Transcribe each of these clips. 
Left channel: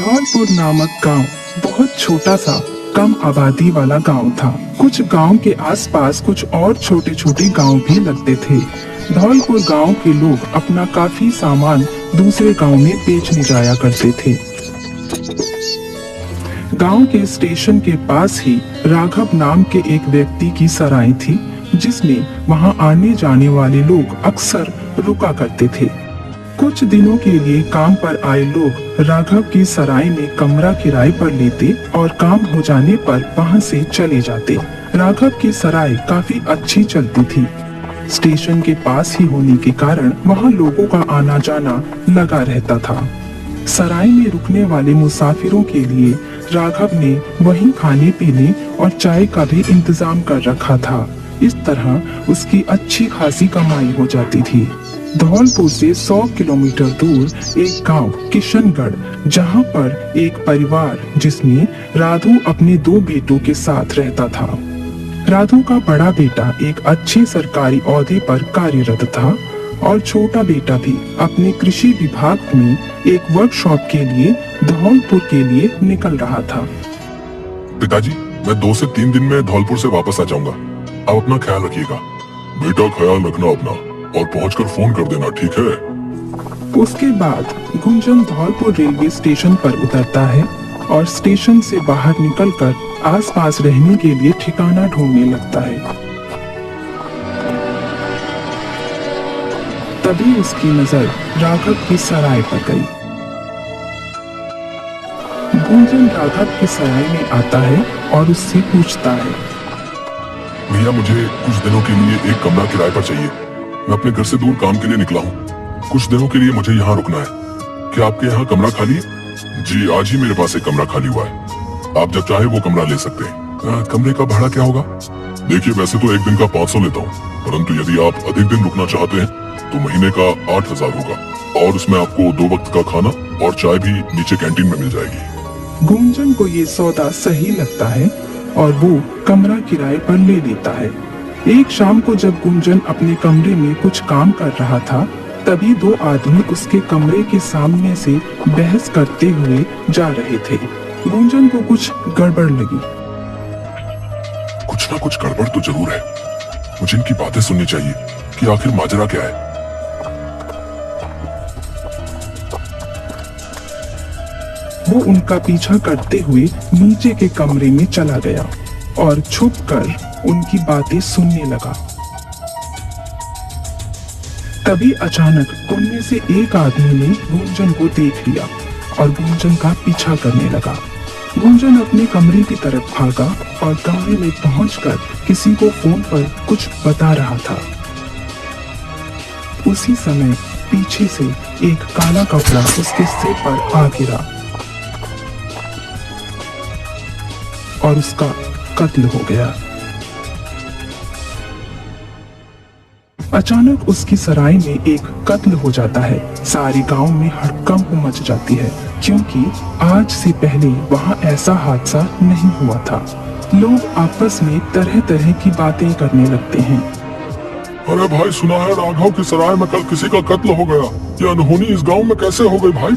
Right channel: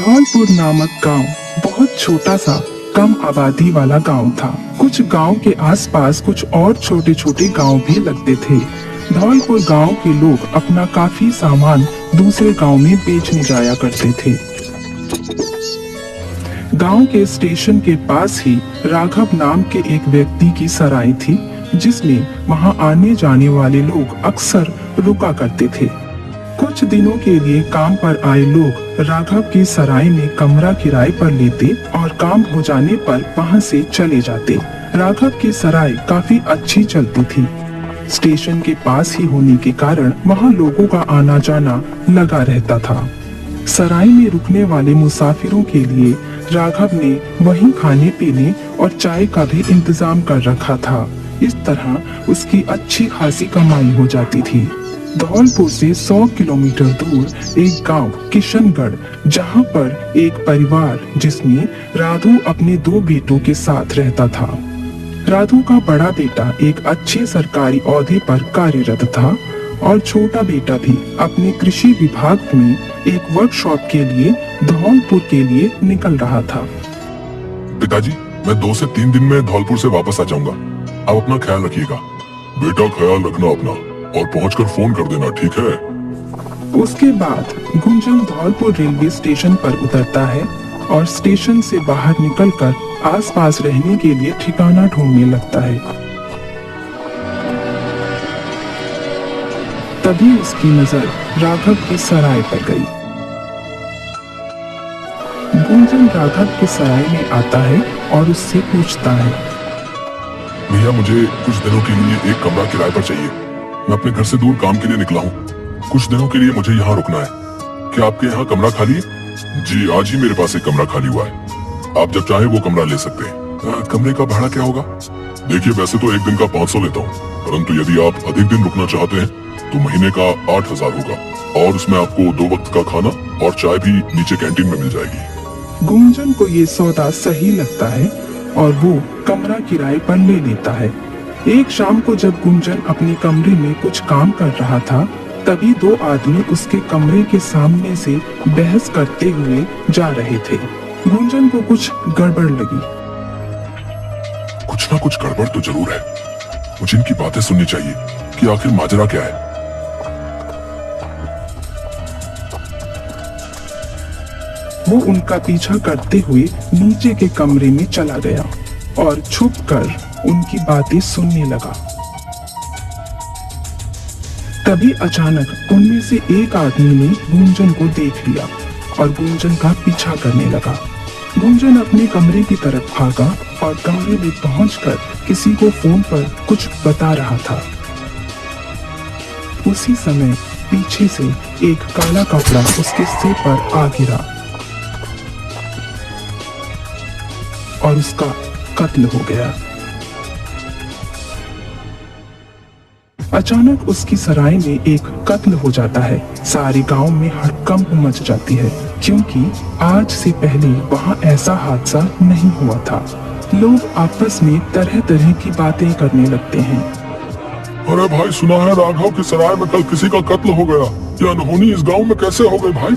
धौलपुर नामक गांव बहुत छोटा सा कम आबादी वाला गांव था। कुछ गांव के आसपास कुछ और छोटे छोटे गांव भी लगते थे। धौलपुर गांव के लोग अपना काफी सामान दूसरे गांव में बेचने जाया करते थे। गांव के स्टेशन के पास ही राघव नाम के एक व्यक्ति की सराय थी, जिसमें वहां आने जाने वाले लोग अक्सर रुका करते थे। कुछ दिनों के लिए काम पर आए लोग राघव की सराय में कमरा किराए पर लेते और काम हो जाने पर वहां से चले जाते। राघव की सराय काफी अच्छी चलती थी। स्टेशन के पास ही होने के कारण वहां लोगों का आना जाना लगा रहता था। सराय में रुकने वाले मुसाफिरों के लिए राघव ने वहीं खाने पीने और चाय का भी इंतजाम कर रखा था। इस तरह उसकी अच्छी खासी कमाई हो जाती थी। धौलपुर से 100 किलोमीटर दूर एक गांव किशनगढ़, जहां पर एक परिवार जिसमें राधु अपने 2 बेटों के साथ रहता था। राधु का बड़ा बेटा एक अच्छे सरकारी ओहदे पर कार्यरत था और छोटा बेटा भी अपने कृषि विभाग में एक वर्कशॉप के लिए धौलपुर के लिए निकल रहा था। पिताजी, मैं 2 से 3 दिन में धौलपुर से वापस आ जाऊंगा। आप अपना ख्याल रखिएगा। बेटा, ख्याल रखना अपना और पहुंचकर फोन कर देना, ठीक है? उसके बाद गुंजन धौलपुर रेलवे स्टेशन पर उतरता है और स्टेशन से बाहर निकलकर आसपास रहने के लिए ठिकाना ढूंढने लगता है। तभी उसकी नजर राघव की सराय पर गई। गुंजन राघव की सराय में आता है और उससे पूछता है, भैया, मुझे कुछ दिनों के लिए एक कमरा किराए पर चाहिए। मैं अपने घर से दूर काम के लिए निकला हूँ। कुछ दिनों के लिए मुझे यहाँ रुकना है। क्या आपके यहाँ कमरा खाली है? जी, आज ही मेरे पास एक कमरा खाली हुआ है। आप जब चाहे वो कमरा ले सकते हैं। कमरे का भाड़ा क्या होगा? देखिए, वैसे तो एक दिन का 500 लेता हूँ, परंतु यदि आप अधिक दिन रुकना चाहते हैं तो महीने का 8000 होगा और उसमें आपको 2 वक्त का खाना और चाय भी नीचे कैंटीन में मिल जाएगी। गुंजन को ये सौदा सही लगता है और वो कमरा किराए पर ले लेता है। एक शाम को जब गुंजन अपने कमरे में कुछ काम कर रहा था, तभी 2 आदमी उसके कमरे के सामने से बहस करते हुए जा रहे थे। गुंजन को कुछ गड़बड़ लगी। कुछ ना कुछ गड़बड़ तो जरूर है। मुझे इनकी बातें सुननी चाहिए कि आखिर माजरा क्या है। वो उनका पीछा करते हुए नीचे के कमरे में चला गया और छुपकर उनकी बातें सुनने लगा। तभी अचानक उनमें से एक आदमी ने गुंजन को देख लिया और गुंजन का पीछा करने लगा। गुंजन अपने कमरे की तरफ भागा और कमरे में पहुंचकर किसी को फोन पर कुछ बता रहा था। उसी समय पीछे से एक काला कपड़ा उसके सिर पर आ गिरा और उसका कत्ल हो गया। अचानक उसकी सराय में एक कत्ल हो जाता है। सारे गांव में हड़कंप मच जाती है, क्योंकि आज से पहले वहां ऐसा हादसा नहीं हुआ था। लोग आपस में तरह तरह की बातें करने लगते हैं। अरे भाई, सुना है राघव की सराय में कल किसी का कत्ल हो गया। ये अनहोनी इस गांव में कैसे हो गई भाई?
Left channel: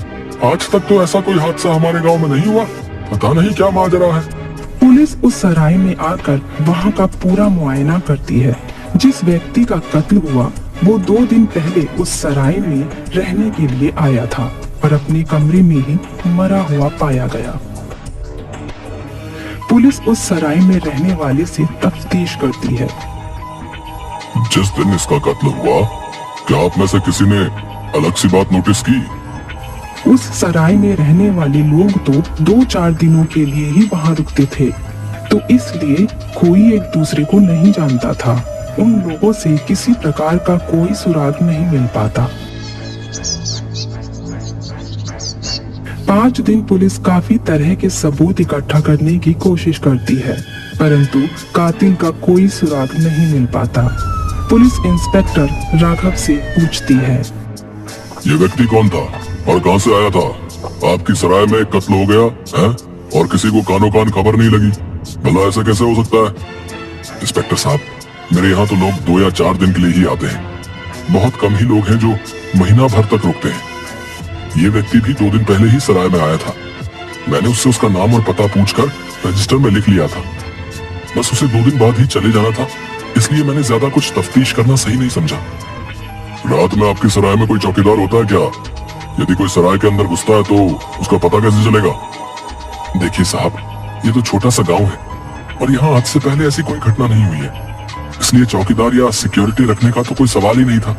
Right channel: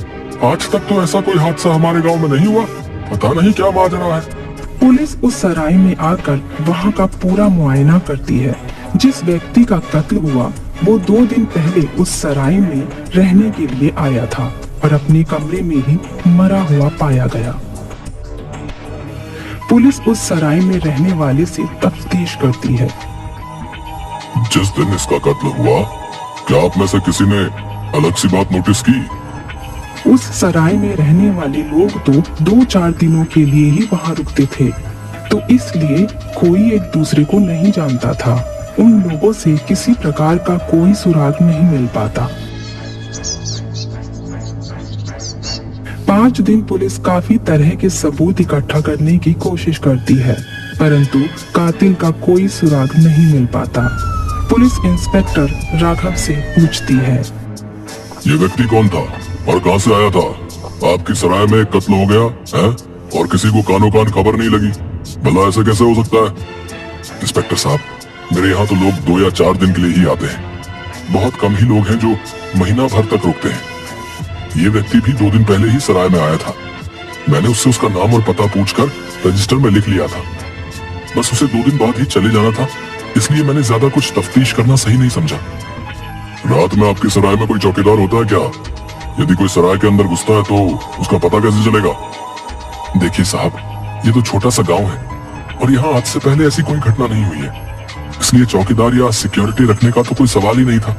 आज तक तो ऐसा कोई हादसा हमारे गांव में नहीं हुआ। पता नहीं क्या माजरा है। पुलिस उस सराय में आकर वहां का पूरा मुआयना करती है। जिस व्यक्ति का कत्ल हुआ वो 2 दिन पहले उस सराय में रहने के लिए आया था और अपने कमरे में ही मरा हुआ पाया गया। पुलिस उस सराय में रहने वाले से तफ्तीश करती है। जिस दिन इसका कत्ल हुआ, क्या आप में से किसी ने अलग सी बात नोटिस की? उस सराय में रहने वाले लोग तो 2-4 दिनों के लिए ही वहां रुकते थे, तो इसलिए कोई एक दूसरे को नहीं जानता था। उन लोगों से किसी प्रकार का कोई सुराग नहीं मिल पाता। 5 दिन पुलिस काफी तरह के सबूत इकट्ठा करने की कोशिश करती है, परंतु कातिल का कोई सुराग नहीं मिल पाता। पुलिस इंस्पेक्टर राघव से पूछती है, ये व्यक्ति कौन था और कहां से आया था? आपकी सराय में कत्ल हो गया है और किसी को कानों कान खबर नहीं लगी। भला ऐसे कैसे हो सकता है? इंस्पेक्टर साहब, मेरे यहाँ तो लोग 2 या 4 दिन के लिए ही आते हैं। बहुत कम ही लोग हैं जो महीना भर तक रुकते हैं। ये व्यक्ति भी 2 दिन पहले ही सराय में आया था। मैंने उससे उसका नाम और पता पूछकर रजिस्टर में लिख लिया था। बस उसे 2 दिन बाद ही चले जाना था, इसलिए मैंने ज्यादा कुछ तफ्तीश करना सही नहीं समझा। रात में आपके सराय में कोई चौकीदार होता है क्या? यदि कोई सराय के अंदर घुसता है तो उसका पता कैसे चलेगा? देखिए साहब, ये तो छोटा सा गांव है और यहाँ आज से पहले ऐसी कोई घटना नहीं हुई है, इसलिए चौकीदार या सिक्योरिटी रखने का तो कोई सवाल ही नहीं था।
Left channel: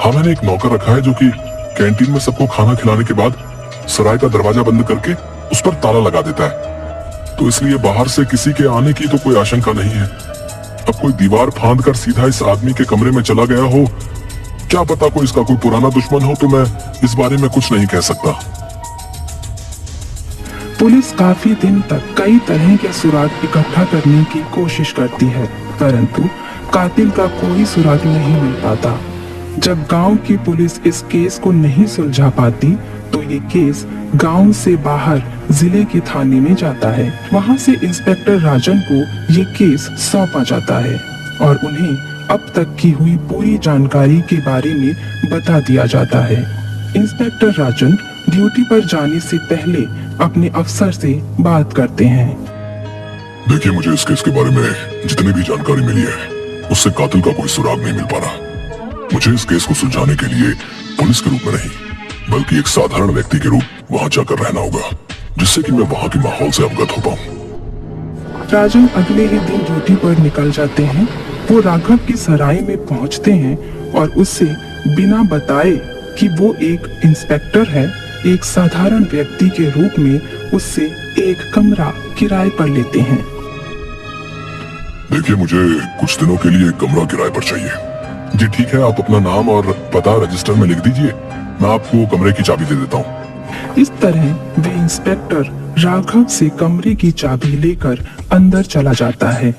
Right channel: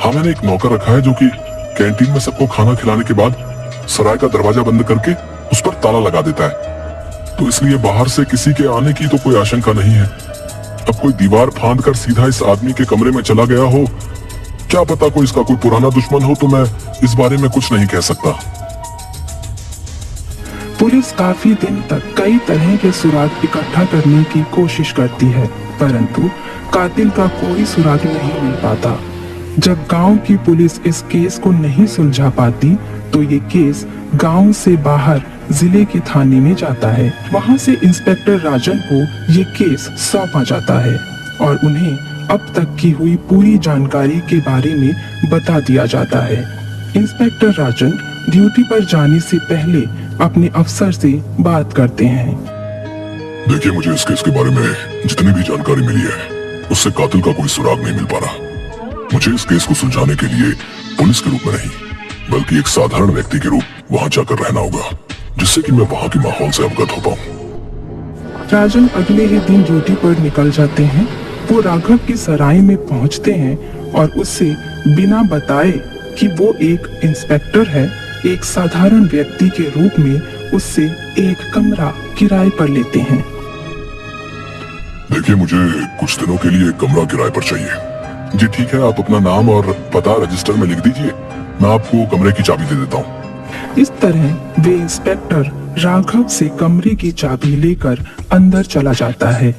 हाँ, मैंने एक नौकर रखा है जो कि कैंटीन में सबको खाना खिलाने के बाद सराय का दरवाजा बंद करके उस पर ताला लगा देता है, तो इसलिए बाहर से किसी के आने की तो कोई आशंका नहीं है। अब कोई दीवार फांद कर सीधा इस आदमी के कमरे में चला गया हो, क्या पता कोई इसका कोई पुराना दुश्मन हो, तो मैं इस बारे में कुछ नहीं कह सकता। पुलिस काफी दिन तक कई तरह के सुराग इकट्ठा करने की कोशिश करती है, परंतु कातिल का कोई सुराग नहीं मिल पाता। जब गांव की पुलिस इस केस को नहीं सुलझा पाती, तो ये केस गांव से बाहर जिले के थाने में जाता है। वहां से इंस्पेक्टर राजन को ये केस सौंपा जाता है और उन्हें अब तक की हुई पूरी जानकारी के बारे में बता दिया जाता है। इंस्पेक्टर राजन ड्यूटी पर जाने से पहले अपने अफसर से बात करते हैं। देखिए, मुझे इस केस के बारे में जितनी भी जानकारी मिली है, उससे कातिल का कोई सुराग नहीं मिल पा रहा। मुझे इस केस को सुलझाने के लिए पुलिस के रूप में नहीं, बल्कि एक साधारण व्यक्ति के रूप वहां जाकर रहना होगा, जिससे कि मैं वहां के माहौल से अवगत हो पाऊं। राजन अगले ही दिन ड्यूटी पर निकल जाते हैं। वो राघव की सराय में पहुंचते हैं और उससे बिना बताए कि वो एक इंस्पेक्टर है, एक साधारण व्यक्ति के रूप में उससे एक कमरा किराए पर लेते हैं। देखिए, मुझे कुछ दिनों के लिए एक कमरा किराए पर चाहिए। जी ठीक है, आप अपना नाम और पता रजिस्टर में लिख दीजिए, मैं आपको कमरे की चाबी दे देता हूँ। इस तरह वे इंस्पेक्टर राघव से कमरे की चाबी लेकर अंदर चला जाता है।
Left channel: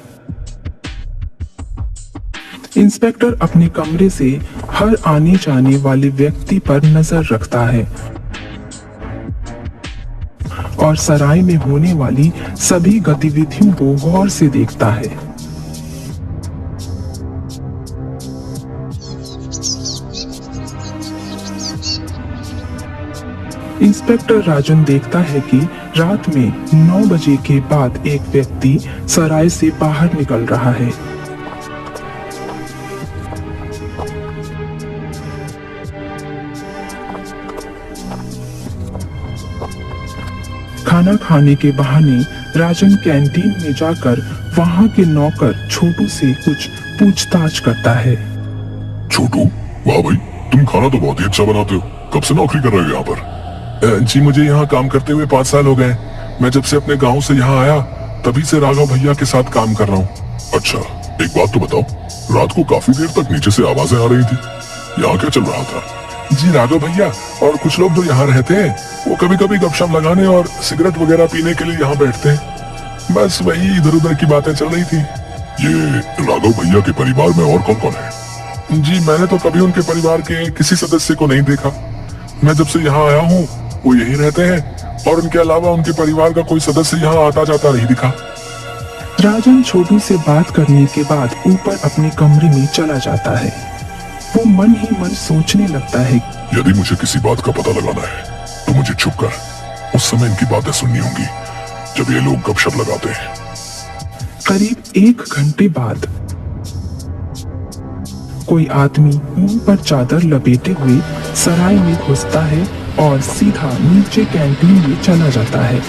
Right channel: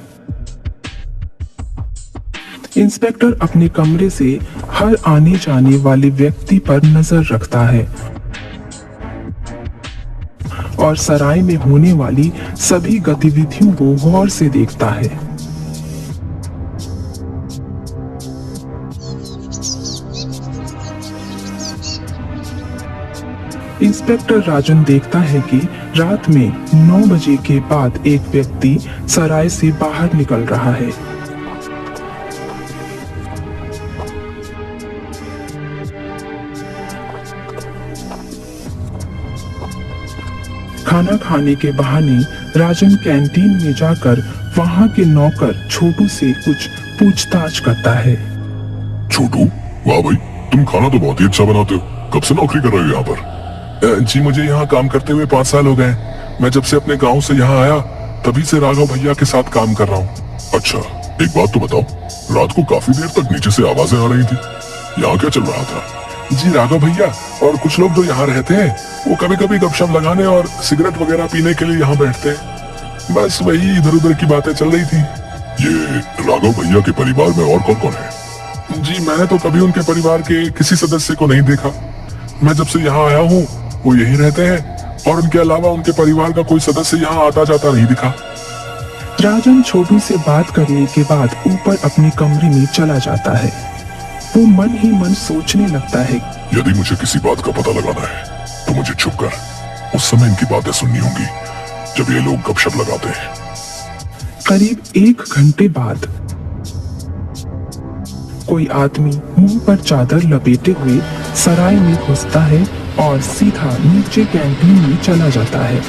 इंस्पेक्टर अपने कमरे से हर आने जाने वाले व्यक्ति पर नजर रखता है और सराय में होने वाली सभी गतिविधियों को गौर से देखता है। इंस्पेक्टर राजन देखता है कि रात में 9 बजे के बाद एक व्यक्ति सराय से बाहर निकल रहा है। खाना खाने के बहाने राजन कैंटीन में जाकर वहां के नौकर छोटू से कुछ पूछताछ करता है। छोटू, वाह भाई, तुम खाना तो बहुत ही अच्छा बनाते हो। कब से नौकरी कर रहे हो यहाँ पर? जी मुझे यहाँ काम करते हुए 5 साल हो गए। मैं जब से अपने गांव से यहाँ आया तभी से राघव भैया के साथ काम कर रहा हूँ। अच्छा, एक बात तो बताओ, रात को काफी देर तक नीचे से आवाजें आ रही थी, यहाँ क्या चल रहा था? जी राघव भैया और कुछ लोग जो यहाँ रहते हैं वो कभी कभी गपशप लगाने और सिगरेट वगैरह पीने के लिए यहाँ बैठते हैं। बस वही इधर उधर की बातें चल रही थी। ये राघव भैया के परिवार में और कौन कौन है? जी मैंने तो कभी उनके परिवार के किसी सदस्य को नहीं देखा। मैं जब से यहाँ आया हूँ वो यही रहते हैं और उनके अलावा उनके परिवार का कोई सदस्य यहाँ आता जाता नहीं दिखा। राजन छोटू से बात करने के बाद ऊपर अपने कमरे में चला जाता है। वो मन ही मन सोचने लगता है, यदि मुझे किसी बात का पता लगाना है तो मुझे छुप कर उस समय इनकी बातें सुननी होंगी जब ये लोग गपशप लगाते हैं। करीब 1 घंटे बाद कोई आदमी मुंह पर चादर लपेटे हुए सराय में घुसता है और सीधा नीचे कैंटीन में चला जाता है।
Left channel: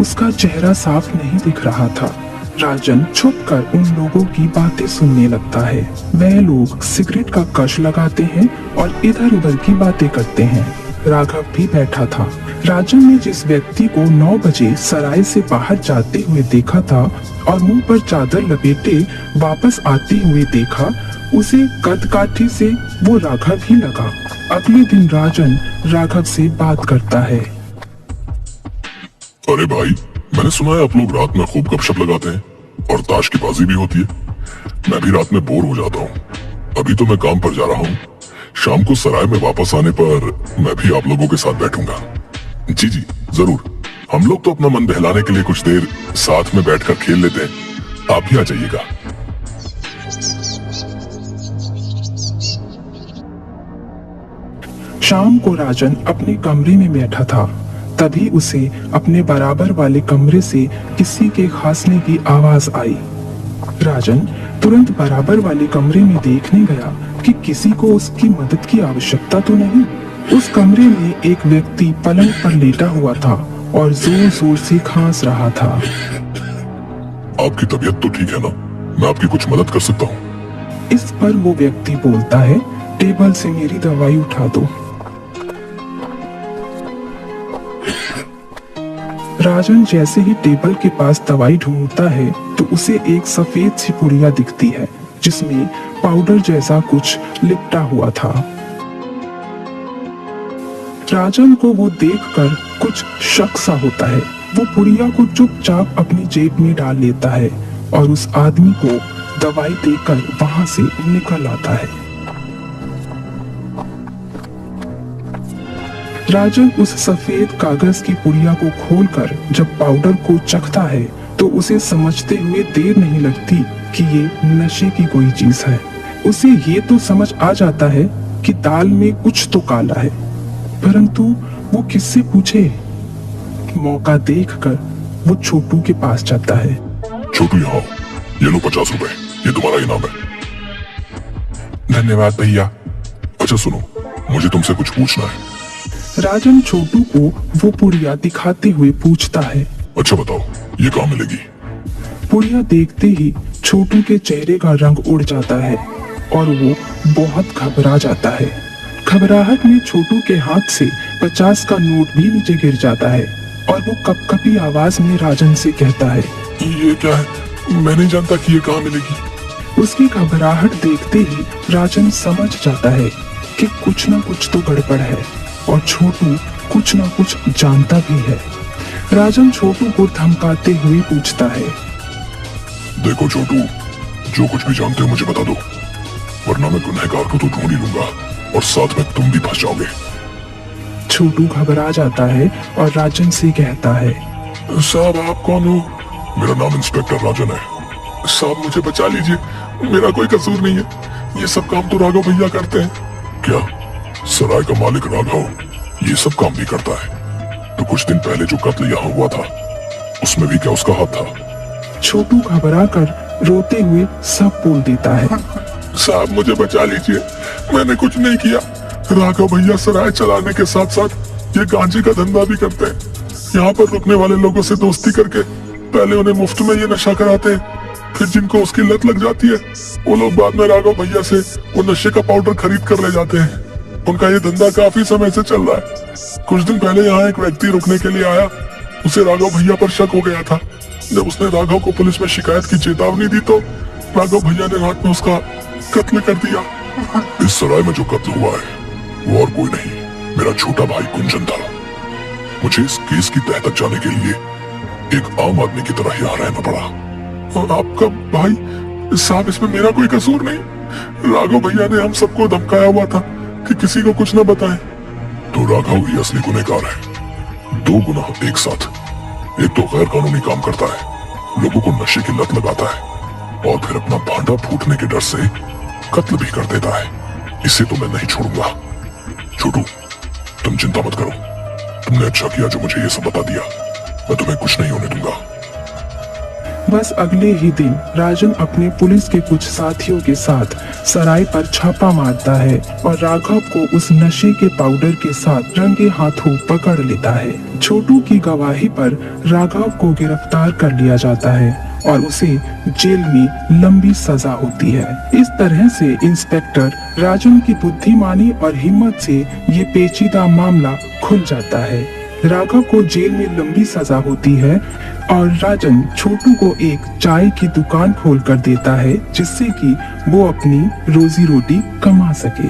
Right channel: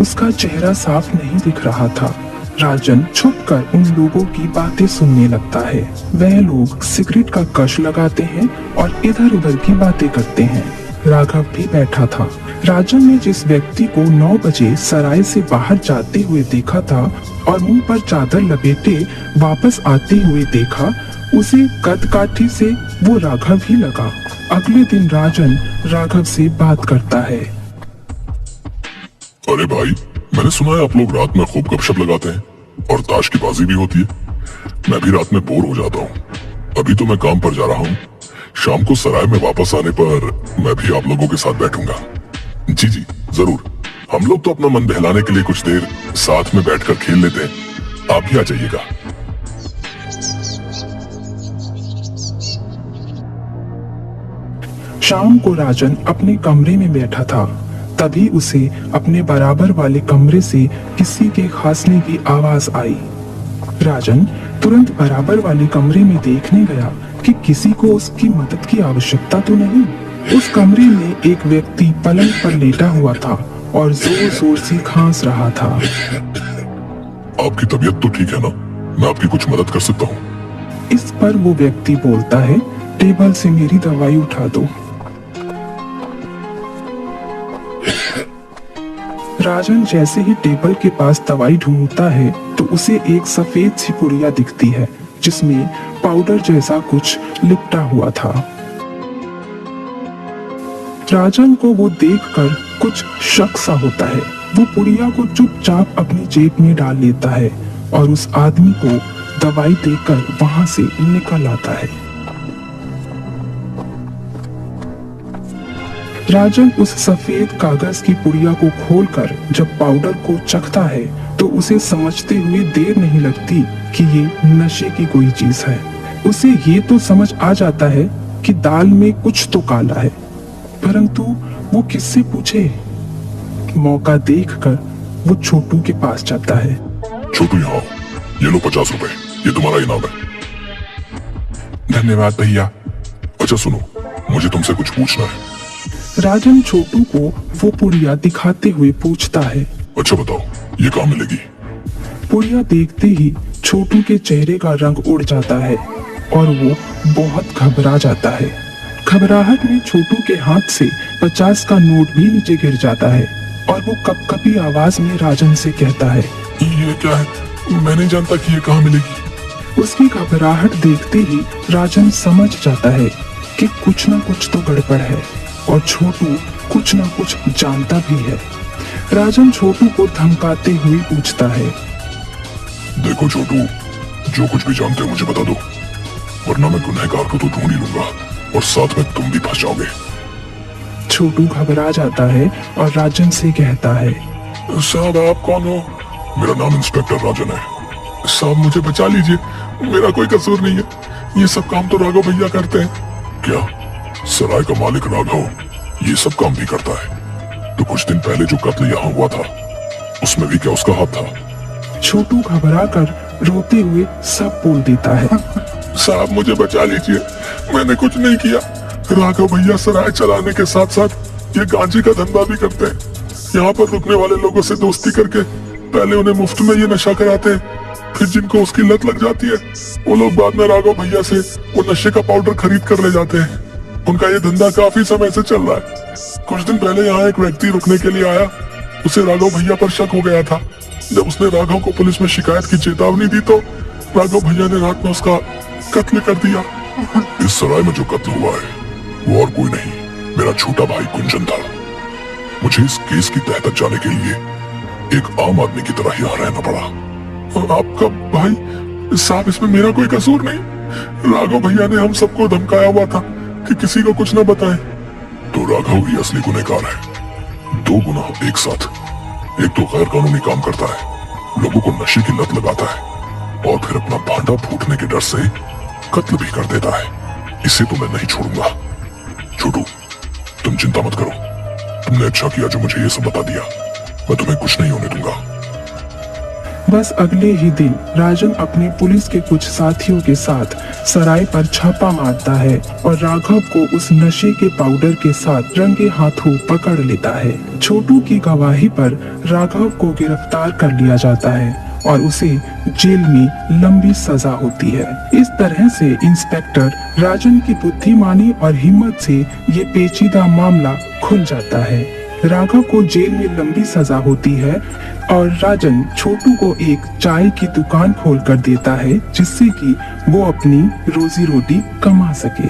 उसका चेहरा साफ नहीं दिख रहा था। राजन छुपकर उन लोगों की बातें सुनने लगता है। वह लोग सिगरेट का कश लगाते हैं और इधर उधर की बातें करते हैं। राघव भी बैठा था। राजन ने जिस व्यक्ति को 9 बजे सराय से बाहर जाते हुए देखा था और मुंह पर चादर लपेटे वापस आते हुए देखा, उसी कदकाठी से वो राघव ही लगा। अगले दिन राजन राघव से बात करता है। अरे भाई, मैंने सुना है आप लोग रात में खूब गपशप लगाते हैं और ताश की बाजी भी होती है। मैं भी रात में बोर हो जाता हूँ। अभी तो मैं काम पर जा रहा हूँ। शाम को सराय में वापस आने पर मैं भी आप लोगों के साथ बैठूंगा। जी जी जरूर, हम लोग तो अपना मन बहलाने के लिए कुछ देर साथ में बैठकर खेल लेते हैं। आप भी आ जाइएगा। शाम को राजन अपने कमरे में बैठा था। तभी उसे अपने बराबर वाले कमरे से किसी के खांसने की आवाज आई। राजन तुरंत बराबर वाले कमरे में देखने गया कि किसी को उसकी मदद की आवश्यकता तो नहीं। उस कमरे में एक व्यक्ति पलंग पर लेटा हुआ था और जोर जोर से खांस रहा था। आपकी तबीयत तो ठीक है ना? मैं आपकी कुछ मदद कर सकता हूँ? इस पर वो व्यक्ति बोलता है, टेबल से मेरी दवाई उठा दो। राजन जैसे ही टेबल के पास दवाई ढूंढता है तो उसे एक सफेद सी पुड़िया दिखती है जिसमें पाउडर जैसा कुछ लिपटा हुआ था। राजन को वो देखकर कुछ शक सा होता है। वो पुड़िया को चुपचाप अपनी जेब में डाल लेता है और उस आदमी को दवाई देकर वहां से निकल आता है। राजन उस सफेद कागज की पुड़िया को खोलकर जब पाउडर को चखता है तो उसे समझते हुए देर नहीं लगती कि ये नशे की कोई चीज है। उसे ये तो समझ आ जाता है कि दाल में कुछ तो काला है, परंतु वो किससे पूछे? मौका देखकर वो छोटू के पास जाता है। छोटू यहाँ, ये लो 50 रुपए, ये तुम्हारा इनाम है। धन्यवाद भैया। अच्छा सुनो, मुझे तुमसे कुछ पूछना है। राजन छोटू को वो पुड़िया दिखाते हुए पूछता है। अच्छा बताओ, ये कहाँ मिलेगी? पुड़िया देखते ही छोटू के चेहरे का रंग उड़ जाता है और वो बहुत घबरा जाता है। घबराहट में छोटू के हाथ से 50 का नोट भी नीचे गिर जाता है और वो कपकपी आवाज में राजन से कहता है, ये क्या है? मैं नहीं जानता कि ये कहाँ मिलेगी। उसकी घबराहट देखते ही राजन समझ जाता है कि कुछ न कुछ तो गड़बड़ है और छोटू कुछ न कुछ जानता भी है। राजन छोटू को धमकाते हुए पूछता है, देखो छोटू, जो कुछ भी जानते हो मुझे बता दो, वरना मैं गुनहगार को तो ढूंढ ही लूंगा और साथ में तुम भी फंस जाओगे। छोटू घबरा जाता है और राजन से कहता है, साहब आप कौन हो? मेरा नाम इंस्पेक्टर राजन है। साहब मुझे बचा लीजिए, मेरा कोई कसूर नहीं है। ये सब काम तो राघव भैया करते हैं। क्या सराय का मालिक राघव ये सब काम भी करता है? तो कुछ दिन पहले जो कत्ल यहाँ हुआ था उसमें भी क्या उसका हाथ था? छोटू घबरा कर रोते हुए सब बोल देता है। साहब मुझे बचा लीजिए, मैंने कुछ नहीं किया। राघव भैया सराय चलाने के साथ साथ ये गांजे का धंधा भी करते हैं। यहाँ पर रुकने वाले लोगों से दोस्ती करके पहले उन्हें मुफ्त में ये नशा कराते हैं, फिर जिनको उसकी लत लग जाती है वो लोग बाद में राघव भैया से वो नशे का पाउडर खरीद कर ले जाते हैं। उनका ये धंधा काफी समय से चल रहा है। कुछ दिन पहले यहाँ एक व्यक्ति रुकने के लिए आया, उसे राघव भैया पर शक हो गया था। जब उसने राघव को पुलिस में शिकायत की चेतावनी दी तो राघव भैया ने रात में उसका कत्ल कर दिया। इस सराय में जो कत्ल हुआ है वो और कोई नहीं, मेरा छोटा भाई कुंजन था। मुझे इस केस की तह तक जाने के लिए एक आम आदमी की तरह यहाँ रहना पड़ा। और आपका भाई? साहब इसमें मेरा कोई कसूर नहीं। राघव भैया ने हम सबको धमकाया हुआ था कि किसी को कुछ न बताएं। तो राघव ही असली गुनहगार है। दो गुनाह एक साथ। एक तो गैर कानूनी काम करता है, लोगों को नशे की लत लगाता है और फिर अपना भांडा फूटने के डर से कत्ल भी कर देता है। इसे तो मैं नहीं छोड़ूंगा। छोटू तुम चिंता मत करो, तुमने अच्छा किया जो मुझे ये सब बता दिया। मैं तुम्हें कुछ नहीं होने दूंगा। बस अगले ही दिन राजन अपने पुलिस के कुछ साथियों के साथ सराय पर छापा मारता है और राघव को उस नशे के पाउडर के साथ रंगे हाथों पकड़ लेता है। छोटू की गवाही पर राघव को गिरफ्तार कर लिया जाता है और उसे जेल में लंबी सजा होती है। इस तरह से इंस्पेक्टर राजन की बुद्धिमानी और हिम्मत से ये पेचीदा मामला खुल जाता है। राघव को जेल में लंबी सजा होती है और राजन छोटू को एक चाय की दुकान खोलकर देता है जिससे कि वो अपनी रोजी रोटी कमा सके।